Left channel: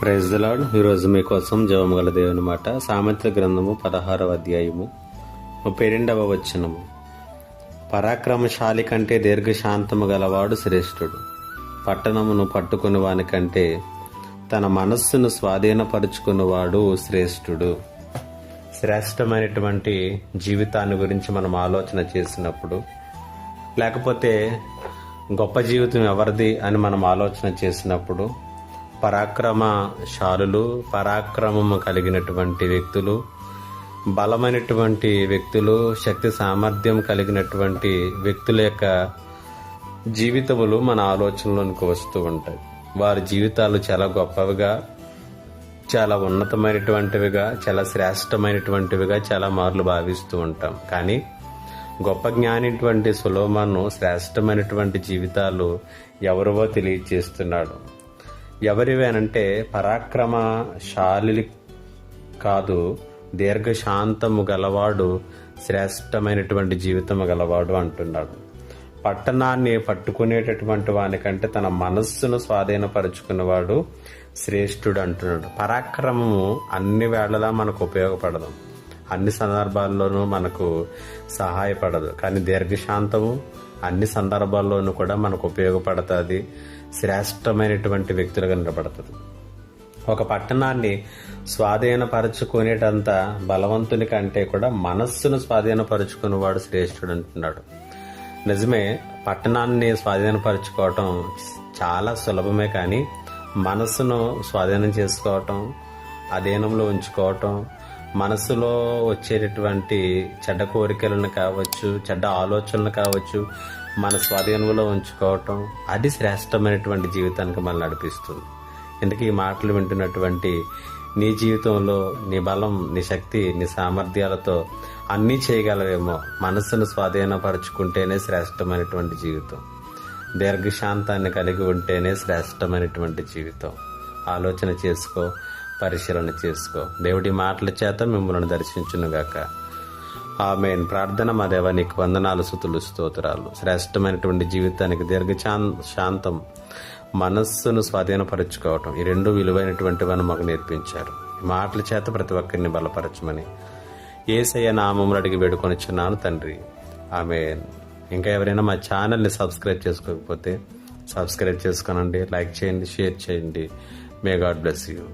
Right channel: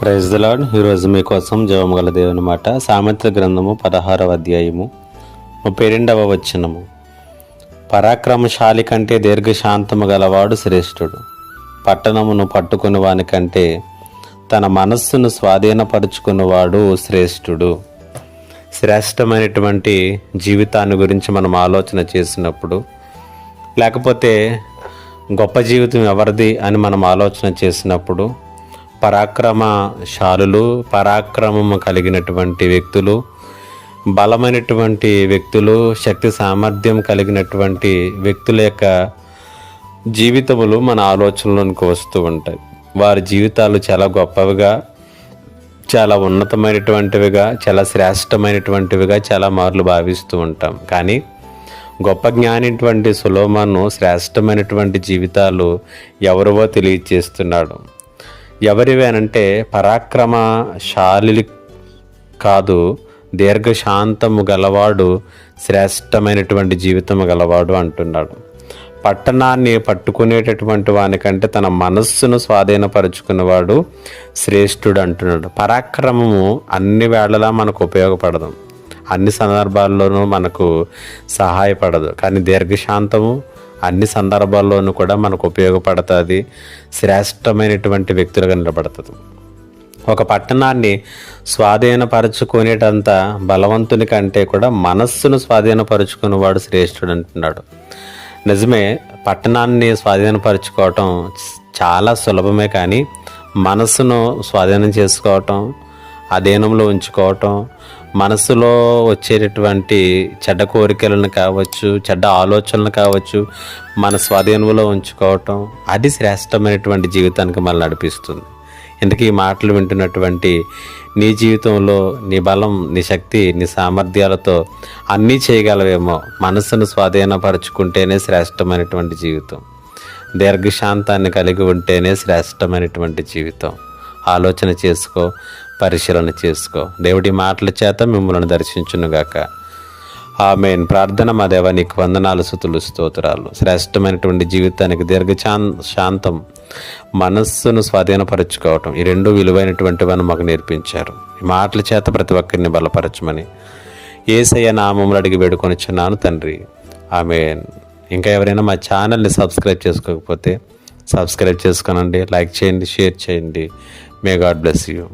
Praise the lord. ఈరోజు మీకోసం జీవముగల దేవుని మాట. సామెతల గ్రంథము 16వ అధ్యాయము 32వ వచనము. పరాక్రమశాలి కంటే దీర్ఘశాంతము గలవాడు శ్రేష్ఠుడు. పట్టణమును పట్టుకుని వాని కంటే తన మనస్సును స్వాధీనపరుచుకున్నవాడు శ్రేష్ఠుడు. శ్రేష్టమైనటువంటి జీవితాన్ని గురించి మనం ఆలోచన చేసినప్పుడు, లేకపోతే గొప్ప జీవితం ఎవరిది అని మనం ఆలోచన చేసినప్పుడు, పరాక్రమశాలులు, పరాక్రమము కలిగినటువంటి వ్యక్తులు, బలమైనటువంటి వ్యక్తులు, శక్తి సామర్థ్యం కలిగినటువంటి వ్యక్తుల యొక్క జీవితములు మన ఆలోచనలోనికి వస్తూ ఉంటాయి. వారి జీవితాలు చాలా గొప్పవిగా, చాలా ఉన్నతమైనటువంటివిగా, చాలా శ్రేష్టమైనటువంటివిగా చాలా మార్లు భావిస్తూ ఉంటాం. కానీ గొప్ప జ్ఞానిటువంటి సొలొమోను శ్రేష్టమైనటువంటి జీవితాలు ఎవరివో తెలియచేస్తున్నాడు. ఎవరివేనంటే పరాక్రమశాలి కాదు, దీర్ఘశాంతము గలవాడు శ్రేష్టమైనటువంటి జీవితము గలవాడు అంటున్నాడు. పట్టణాన్ని పట్టుకునేటటువంటి వానికంటే తన మనస్సును స్వాధీనపరుచుకునేవాడు శ్రేష్ఠుడు అంటున్నాడు. పరాక్రమము అన్ని వేళలా మనకు ఉపయోగపడదు, అన్ని సందర్భాల్లోనూ మనకు సహాయపడదు. కానీ దీర్ఘశాంతము అన్ని సందర్భాల్లోనూ కూడా మనకు ఉపయోగపడుతుంది, శ్రేష్టమైనటువంటి వ్యక్తులుగా నిలబడుతుంది. ఒక పట్టణాన్ని స్వాధీనపరచుకునేటంత బలవంతుని కంటే కూడా మనస్సును స్వాధీనపరుచుకునేవాడు శ్రేష్ఠుడు అంటున్నాడు. నిజమే, పట్టణాన్ని స్వాధీనపరచుకోవటం చాలా సులభమే. కానీ మనస్సును స్వాధీనం చేసుకోవటం, అధీనంలో ఉంచుకోవటం, మనసులో వచ్చేటటువంటి చెడ్డ కోరికలను కావచ్చు, చెడ్డ ఆలోచనలు కావచ్చు, మన స్వాధీనంలో ఉంచుకోవటం, అది శ్రేష్టమైనటువంటి జీవితానికి మనల్ని నడిపిస్తుంది. ఎందుకు ఈ మాటలు వింటున్నటువంటి నీ జీవితంలో నీ బలం, నీ శక్తి, నీ సామర్థ్యాలతో అన్నీ చేయగలవేమో. మనసును స్వాధీనపరచుకుంటేనే శ్రేష్టమైనటువంటి జీవితం. దీర్ఘశాంతాన్ని కలిగి ఉంటేనే శ్రేష్టమైనటువంటి జీవితం. ఆలోచన చేసుకో, పరిశీలన చేసుకో. దేవుడి మాటల చేత మిమ్మల్ని దర్శించునుగాక. ఆమేన్. ప్రార్థన. మా దేవా, నీకు వందనాలు, స్తుతులు, స్తోత్రాలు. శ్రేష్టమైనటువంటి జీవితానికి శాంతం, మనస్సును స్వాధీనపరచుకోవటం, ఈ రెండు విలువైనటువంటివని మాకు నేర్పించారు. ఈ మాటల చేత ప్రతి ఒక్కరిని బలపరచమని యేసయ్య నామములో అడిగి వేడుకొనిచున్నాను తండ్రి. ఆమేన్. ఇంకా ఎవరైనా మా ఛానల్ని సబ్స్క్రైబ్ చేసుకోకపోతే సబ్స్క్రైబ్ చేసుకోనండి, లైక్ చేయండి, షేర్ చేయండి. May God bless you.